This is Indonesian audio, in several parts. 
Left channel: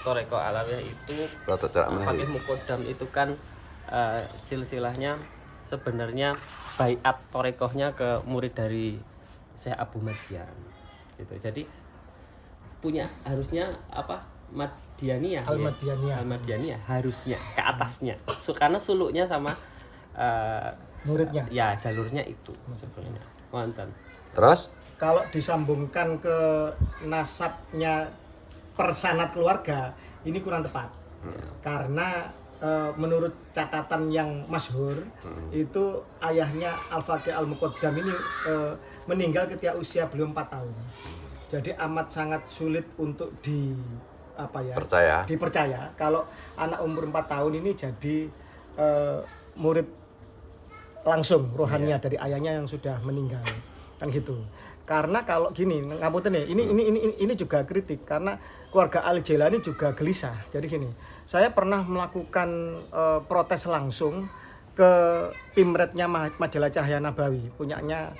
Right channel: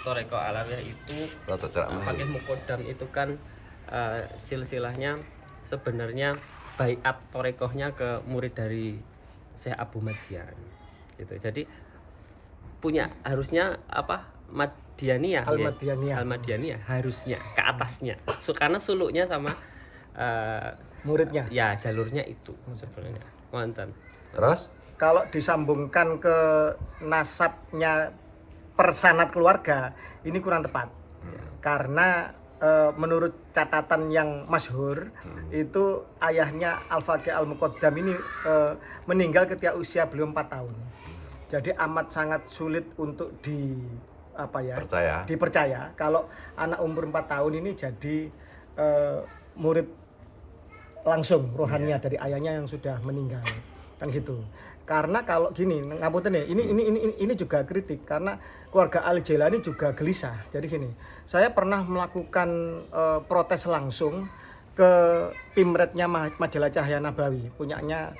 Thoreko Alawiyah itu Fakih Mukodam itu kan silsilahnya sebenarnya baiat Thorekohnya ke murid dari Syekh Abu Madian gitu. Jadi punya harusnya apa Madianiyah Al-Madianiyah harusnya ke atasnya. Karena suluknya sama muridnya. Ya, jalurnya itu sebenarnya. Wonten. Terus kalau disambungkan ke nasabnya persanat keluarga ini kurang tepat. Karena menurut catatan yang masyhur itu ayahnya Al-Faqih Al-Muqaddam ini meninggal ketika usia beliau 4 tahun. Jadi amat sangat sulit untuk dipercaya kalau anak umur 4 tahun ini jadi murid langsung rohaniah dari ayahnya yang sudah meninggal. Kan gitu. Karena kalau gini, ngapunten ya, ini juga kritik karena keluarga Al-Jailani juga gelisah. Jadi gini, saya pernah melakukan protes langsung ke Pimretnya Majalah Cahaya Nabawi, punyanya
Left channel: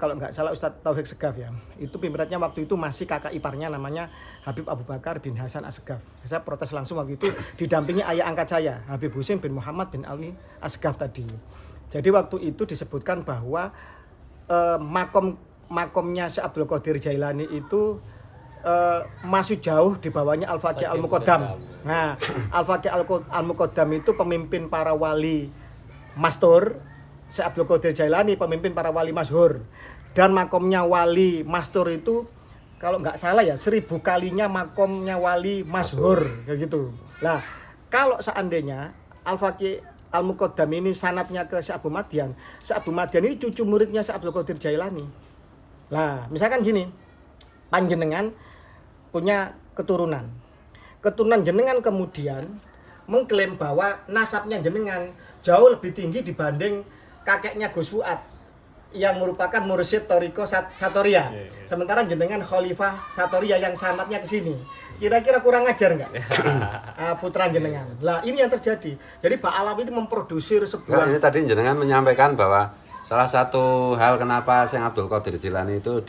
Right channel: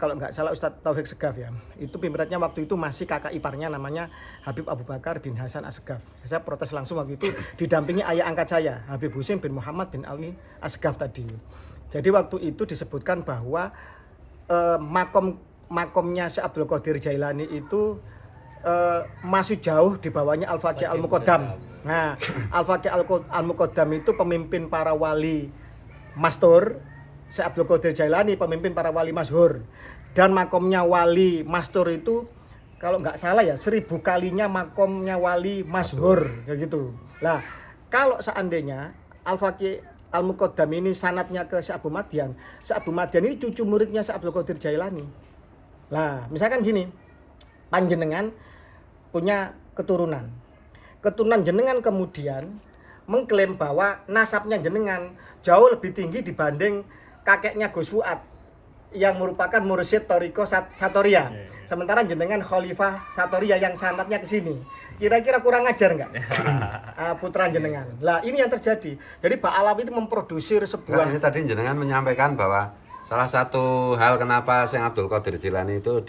kalau nggak salah Ustadz Taufik Segaf ya. Itu Pimretnya waktu itu masih kakak iparnya namanya Habib Abu Bakar bin Hasan As-Segaf. Saya protes langsung waktu itu didampingi ayah angkat saya, Habib Husin bin Muhammad bin Ali As-Segaf tadi. Jadi waktu itu disebutkan bahwa makomnya Syekh Abdul Qadir Jailani itu masih jauh di bawahnya Al-Faqih Al-Muqaddam. Nah, Al-Faqih Al-Muqaddam itu pemimpin para wali mastur, Syekh Abdul Qadir Jailani pemimpin para wali masyhur. Dan makomnya wali mastur itu kalau nggak salah ya 1000 kalinya makomnya wali masyhur kayak gitu. Nah, kalau seandainya Al-Faqih Al-Muqaddam ini sanatnya ke Syekh Abu Madian. Syekh Abu Madian ini cucu muridnya Syekh Abdul Qadir Jailani. Lah, misalkan gini, panjenengan punya keturunan. Keturunan jenengan kemudian mengklaim bahwa nasabnya jenengan jauh lebih tinggi dibanding kakeknya Gus Fuad yang merupakan mursyid Thoriko Satoria. Sementara jenengan Khalifah Satoria yang sanatnya ke sini. Kira-kira kurang ajar nggak? Putra jenengan. Lah ini yang terjadi. Jadi Pak Alawi itu memproduksi sebuah. Ini tadi jenengan menyampaikan bahwa salah satu hal kenapa Syekh Abdul Qadir Jilani itu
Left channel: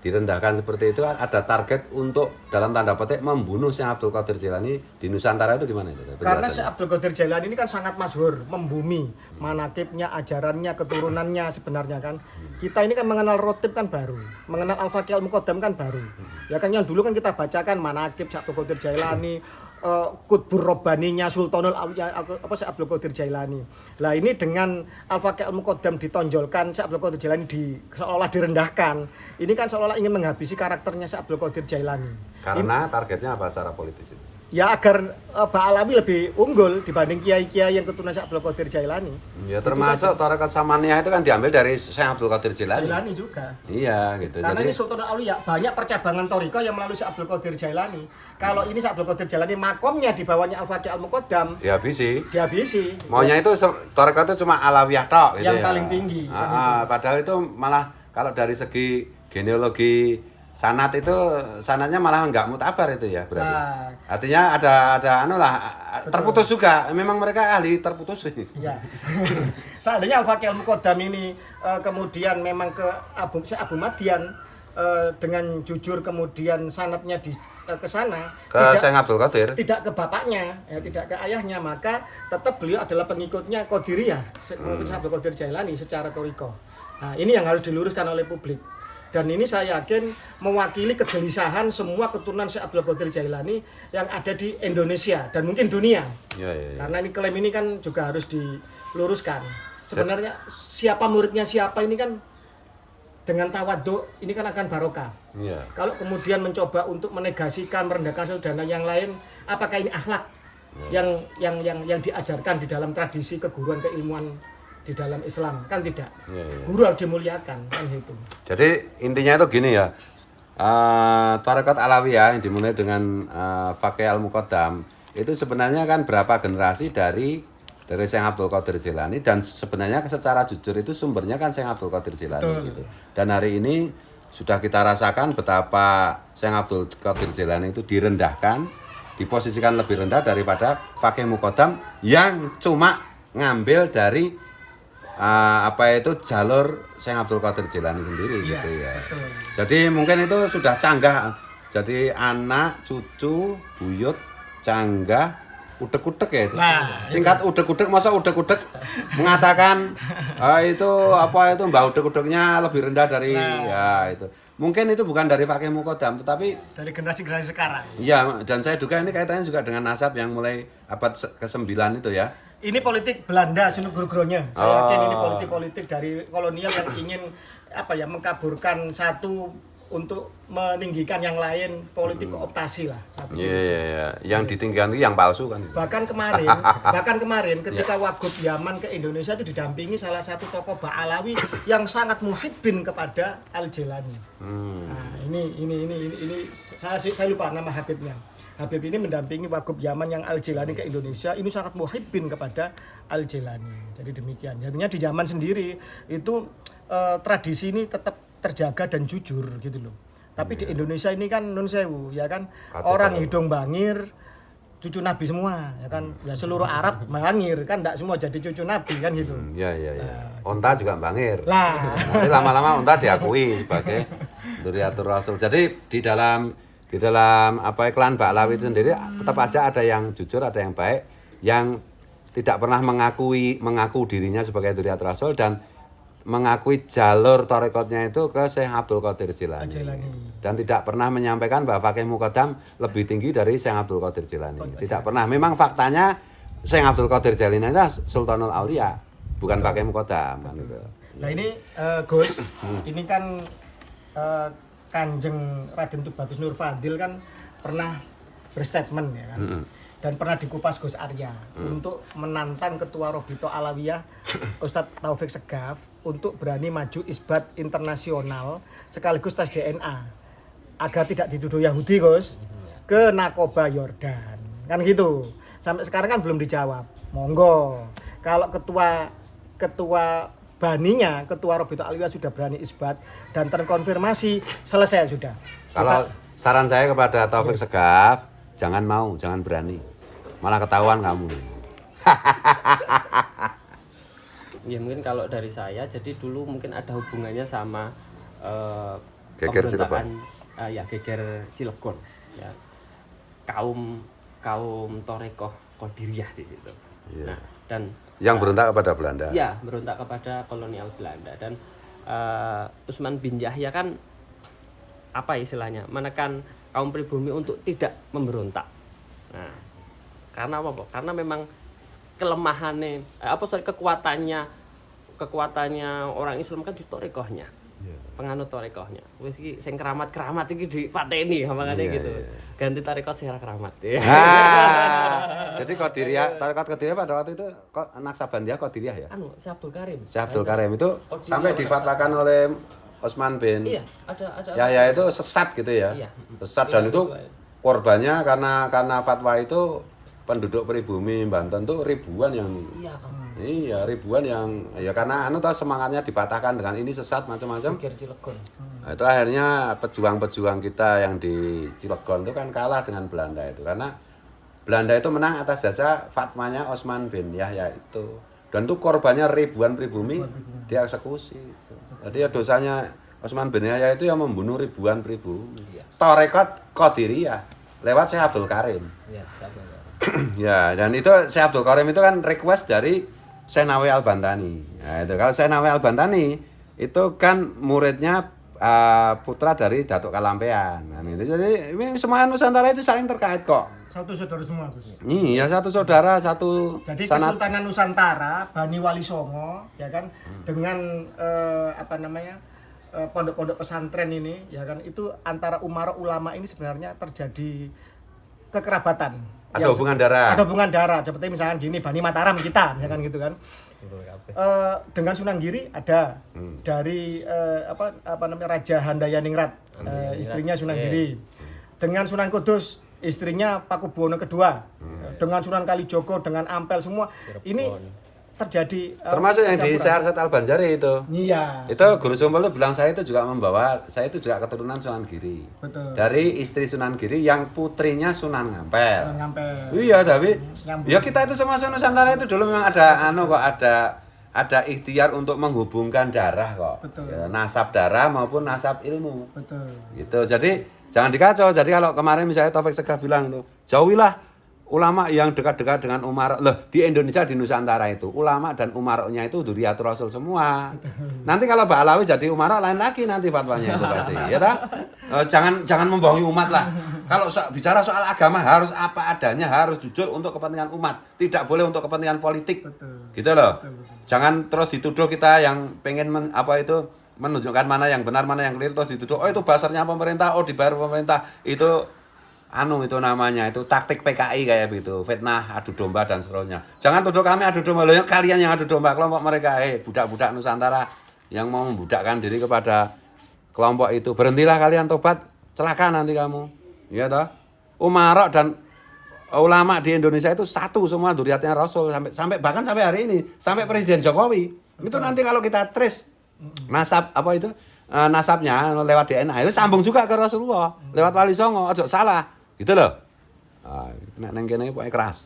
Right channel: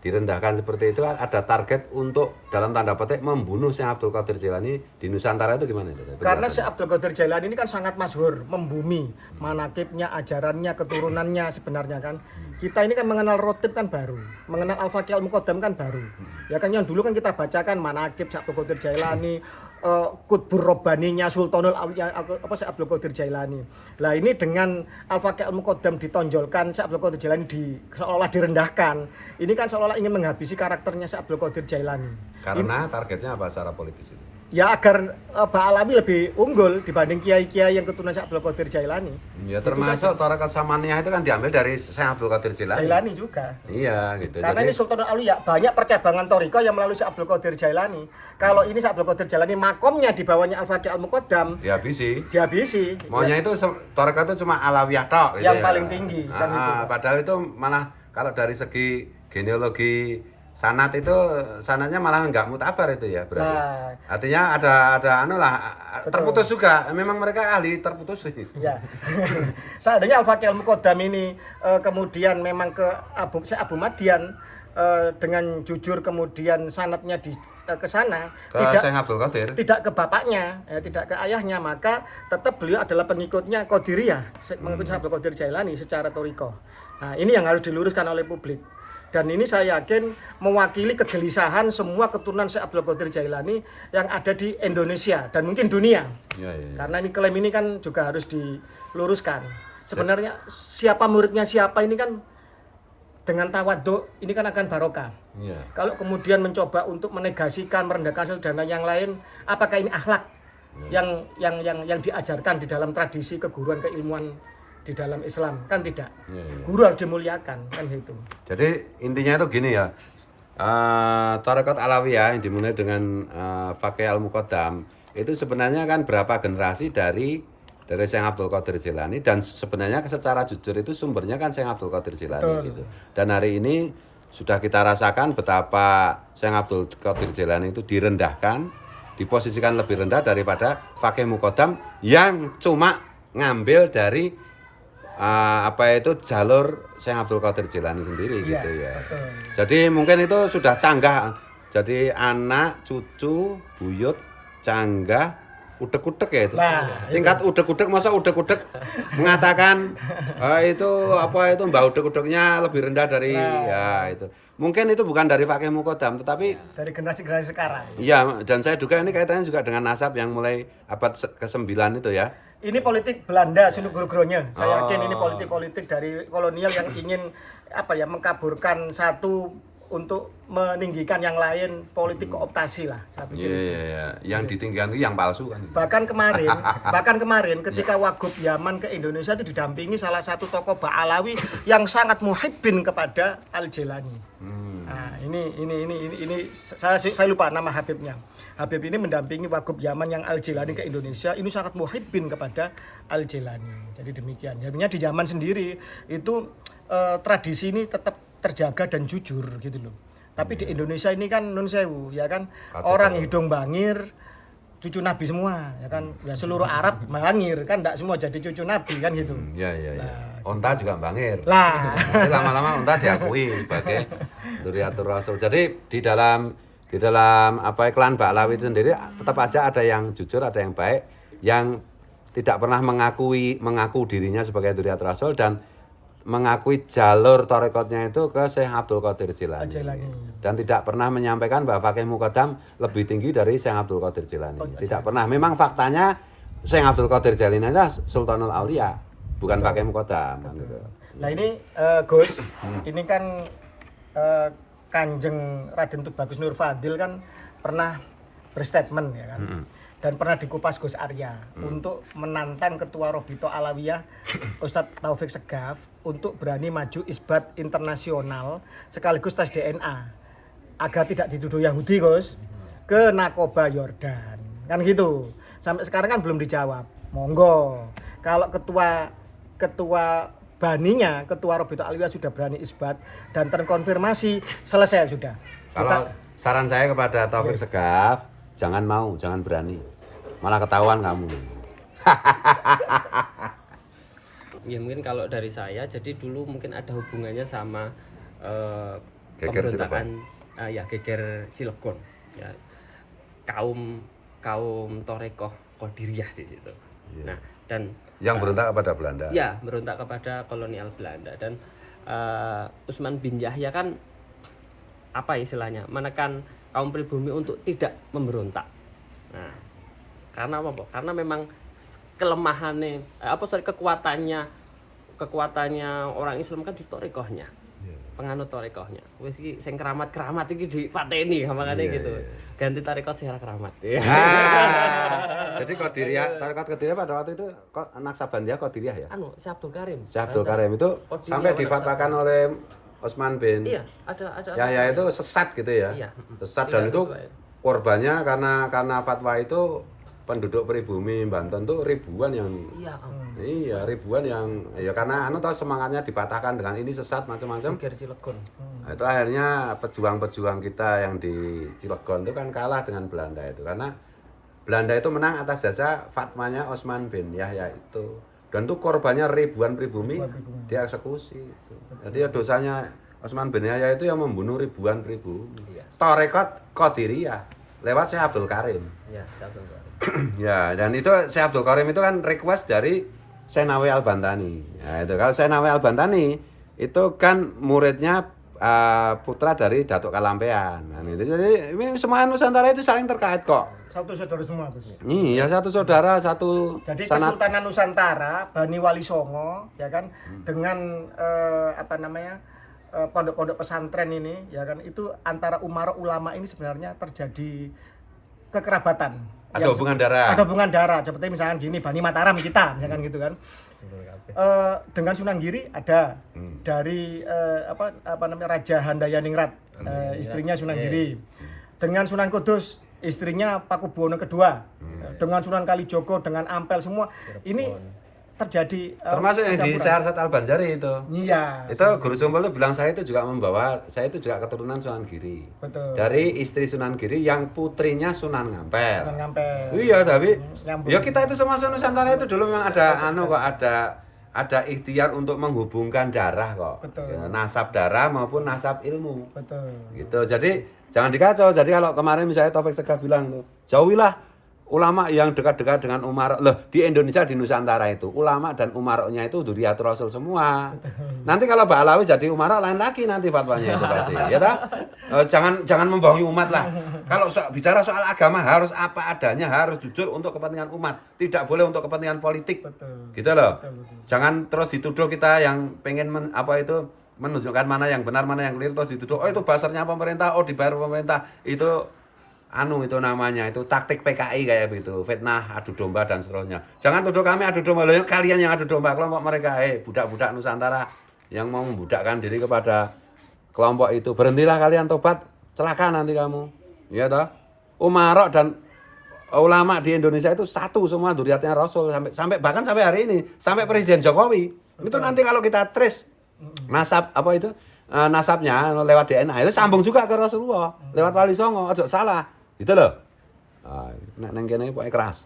direndahkan seperti itu ada target untuk dalam tanda petik membunuh Syekh Abdul Qadir Jilani di Nusantara itu gimana itu? Karena Syekh Abdul Qadir Jailani ini kan sangat masyhur, membumi, manakibnya, ajarannya, keturunannya sebenarnya kan. Kita ini kan mengenal rotib kan baru, mengenal Al-Faqih Al-Muqaddam kan baru. Ya kan yang dulu kan kita bacakan manakib Syekh Abdul Qadir Jailani, Qutbur Robbaninya Sultanul Auliya Syekh Abdul Qadir Jailani. Lah ini dengan Al-Faqih Al-Muqaddam ditonjolkan, Syekh Abdul Qadir Jailani seolah direndahkan. Ini kan seolah ingin menghabisi karakternya Syekh Abdul Qadir Jailani. Karena targetnya apa secara politis itu? Ya agar Pak Alawi lebih unggul dibanding kiai-kiai yang keturunan Syekh Abdul Qadir Jailani. Ya termasuk Thoreko Samaniyah itu kan diambil dari Syekh Abdul Qadir Jilani. Jailani juga. Iya gitu. Karena jadi, ini Sultanul Auliya banyak percabangan Thoriko yang melalui Syekh Abdul Qadir Jailani. Kalau ini Syekh Abdul Qadir Jailani makomnya di bawahnya Al-Faqih Al-Muqaddam. Dihabisi. Maunya itu Thoreko itu cuma Alawiyah tok gitu yang ya. paling tinggi kan itu. Padahal itu malah kalau dari segi genealogi sanat itu sanatnya malah nggak mutabar itu ya berarti. Nah, artinya ada terputus juga. Memang mereka ahli terputus ini. Ya. Seandainya Al-Faqih Al-Muqaddam ini kemudian memang ke Syekh Abu Madian dengan jujur kemudian sanatnya ke sana tidak ke bapaknya, tidak ke ayahnya, maka tetap beliau adalah pengikutnya Qadiriyah, mengikuti Syekh Abdul Qadir Jailani secara thoriko. Nah, ini yang harus diluruskan oleh publik. Dan ini saya yakin mewakili kegelisahan semua keturunan Syekh Abdul Qadir Jailani yang ada di Indonesia dan mungkin dunia. Ya. Karena ini klaim ini kan juga harus diluruskan. Sebenarnya siapa muridnya siapa ini kan dengan tawadhu ini kan akan barokah. Ya. Kalau kemudian mencoba untuk menegasikan, merendahkan satu dan yang lain, apakah ini akhlak yang diajarkan di dalam tradisi keguruan keilmuan di dalam Islam? Kan tidak. Guru harus dimuliakan kan itu. Jadi intinya itu gini ya, Thariqat Alawiyah yang dimulai dengan Faqih Al-Muqaddam itu sebenarnya kan berapa generasi dari Syekh Abdul Qadir Jilani, dan sebenarnya secara jujur itu sumbernya kan Syekh Abdul Qadir Jilani gitu. Dan hari ini sudah kita rasakan betapa Syekh Abdul Qadir Jilani itu direndahkan, diposisikan lebih rendah daripada Faqih Muqaddam yang cuma ngambil dari jalur Syekh Abdul Qadir Jilani sendiri gitu ya. Betul. Jadi mungkin itu sudah canggah jadi anak, cucu, buyut, canggah, udek-udek ya itu. Nah, Tingkat udek-udek, masa udek-udek mengatakan itu apa itu mbak udek-udeknya lebih rendah dari ya itu. Mungkin itu bukan dari Fakih Mukodam, tetapi dari generasi-generasi sekarang. iya, dan saya duga ini kaitannya juga dengan nasab yang mulai abad ke-9 itu ya. Ini politik Belanda seluruh-seluruhnya. Saya yakin ini politik-politik dari kolonial yang ingin mengkaburkan satu untuk meninggikan yang lain, politik kooptasi lah. Saya pikir. Iya. Yang ditinggikan itu yang palsu kan. Bahkan kemarin ketika Wagub Yaman ke Indonesia itu didampingi salah satu tokoh Ba'alawi yang sangat muhibbin kepada Al-Jilani. Nah, ini saya lupa nama Habibnya. Habib ini mendampingi Wagub Yaman yang Al-Jilani ke Indonesia, ini sangat muhibbin kepada Al-Jilani. Jadi demikian. Jadinya di Yaman sendiri itu tradisi ini tetap terjaga dan jujur gitu loh. Tapi di Indonesia ini kan nun sewu ya kan, orang hidung bangir cucu Nabi semua ya kan, ya seluruh Arab bangir kan, enggak semua jadi cucu Nabi kan gitu. Iya. Unta juga bangir. Lah, Tapi lama-lama unta diakui sebagai Dzurriyyatur Rasul. Jadi di dalam klan Ba'alawi itu sendiri tetap aja ada yang jujur, ada yang baik, yang tidak pernah mengaku dirinya sebagai Dzurriyyatur Rasul dan mengakui jalur tarekatnya itu ke Syekh Abdul Qadir Jilani. Dan tidak pernah menyampaikan bahwa Fakih Mukodam lebih tinggi dari Syekh Abdul Qadir Jilani. Tidak pernah. Memang faktanya Syekh Abdul Qadir Jilani itu Sultanul Aulia, bukan Fakih Mukodam kan gitu. nah ini Gus, ini kan Kanjeng Raden Tubagus Nur Fadil kan pernah berstatement ya kan. Dan pernah dikupas Gus Arya untuk menantang Ketua Robito Alawiyah Ustadz Taufik Segaf untuk berani maju isbat internasional sekaligus tes DNA agar tidak dituduh Yahudi Gus ke Nakoba Yordan kan gitu. Sampai sekarang kan belum dijawab. Monggo kalau ketua baninya Ketua Robito Alawiyah sudah berani isbat dan terkonfirmasi, selesai sudah. Kalau saran saya kepada Taufik Segaf, jangan berani. Malah ketahuan kamu. Ya mungkin kalau dari saya, jadi dulu mungkin ada hubungannya sama Geger pemberontakan Geger Cilegon ya, kaum Torekoh Qadiriyah di situ. Iya. Nah, dan Yang berontak kepada Belanda. ya berontak kepada kolonial Belanda, dan Utsman bin Yahya kan apa istilahnya, menekan kaum pribumi untuk tidak memberontak. Nah, karena apa? Karena memang kelemahannya kekuatannya orang Islam kan di torekohnya. Penganut torekohnya. Wis iki sing keramat iki dipateni makane gitu. Ganti tarekat sing keramat. Jadi tarekat Qadiriyah pada waktu itu Naksabandia Qadiriyah ya. Syekh Abdul Karim. Syekh Abdul Karim itu sampai difatwakan oleh Utsman bin Yahya itu sesat gitu ya. Iya. Sesat, dan itu korbannya karena fatwa itu penduduk pribumi Banten tuh ribuan yang ribuan yang ya karena semangatnya dipatahkan dengan ini sesat macam-macam. Nah, itu akhirnya pejuang-pejuang kita yang di Cilegon itu kan kalah dengan Belanda itu, karena Belanda itu menang atas jasa fatwanya Utsman bin Yahya itu, dan tuh korbannya ribuan pribumi dieksekusi. Jadi ya dosanya Utsman bin Yahya itu yang membunuh ribuan pribumi. Tarekat Qadiriyah lewat Syekh Abdul Karim. Ya, dan itu Syekh Abdul Karim itu kan request dari Syekh Nawawi Al-Bantani. Nah, itu kalau Syekh Nawawi Al-Bantani itu kan muridnya putra dari Datuk Kalampean. Nah, itu jadi ini semua Nusantara itu saling terkait kok. Satu saudara semua, Gus. Iya, satu saudara, satu jadi sanat. Kesultanan Nusantara, Bani Wali Songo ya kan, dengan pondok-pondok pesantren ini ya kan, itu antara umara ulama ini sebenarnya terjadi kekerabatan. Ada hubungan darah. Ada hubungan darah. Seperti misalkan gini, Bani Mataram kita, ya kan gitu kan. Dengan Sunan Giri ada dari Raja Handayaningrat, istrinya Sunan Giri. Dengan Sunan Kudus, istrinya Pakubuwono II. Dengan Sunan Kalijogo, dengan Ampel, semua ini terjadi termasuk yang di Syekh Arsyad Al-Banjari itu. Iya. Itu Guru Sumpel itu bilang saya itu juga keturunan Sunan Giri. Betul. Dari istri Sunan Giri yang putrinya Sunan Ngampel. Sunan Ngampel. Iya, tapi Nyambung. ya kita itu sama Nusantara itu dulu memang ada ikhtiar untuk menghubungkan darah kok. Betul. Ya, nasab darah maupun nasab ilmu. Betul. Gitu. Jadi Jangan dikacau. Jadi kalau kemarin misalnya Taufik Segaf bilang tuh, jauhilah ulama yang dekat-dekat dengan umara. Loh, di Indonesia, di Nusantara itu ulama dan umaroknya itu dzurriyatul Rasul semua. Nanti kalau Mbak Alawi jadi umara lain lagi nanti fatwanya itu pasti. Ya tak? Jangan membohongi umat lah. Kalau bicara soal agama harus apa adanya, harus jujur untuk kepentingan umat. Tidak boleh untuk kepentingan politik. Gitu loh. Jangan terus dituduh kita yang pengen menunjukkan mana yang benar, mana yang keliru, terus dituduh, oh itu basarnya pemerintah, oh dibayar pemerintah. Itu itu namanya, itu taktik PKI kayak gitu, fitnah, adu domba dan seterusnya. Jangan tuduh kami adu domba, loh kalian yang adu domba kelompok mereka, budak-budak Nusantara yang mau membudakkan diri kepada kelompok itu. Berhentilah kalian, tobat, celaka nanti kamu. Iya toh? Umarok dan ulama di Indonesia itu satu semua dzurriyyatnya Rasul sampai bahkan sampai hari ini, sampai Presiden Jokowi. Itu nanti kalau kita trace nasab nasabnya lewat DNA itu sambung juga ke Rasulullah lewat Wali Songo, ojo salah gitu loh. Nek neng kene pokoke keras.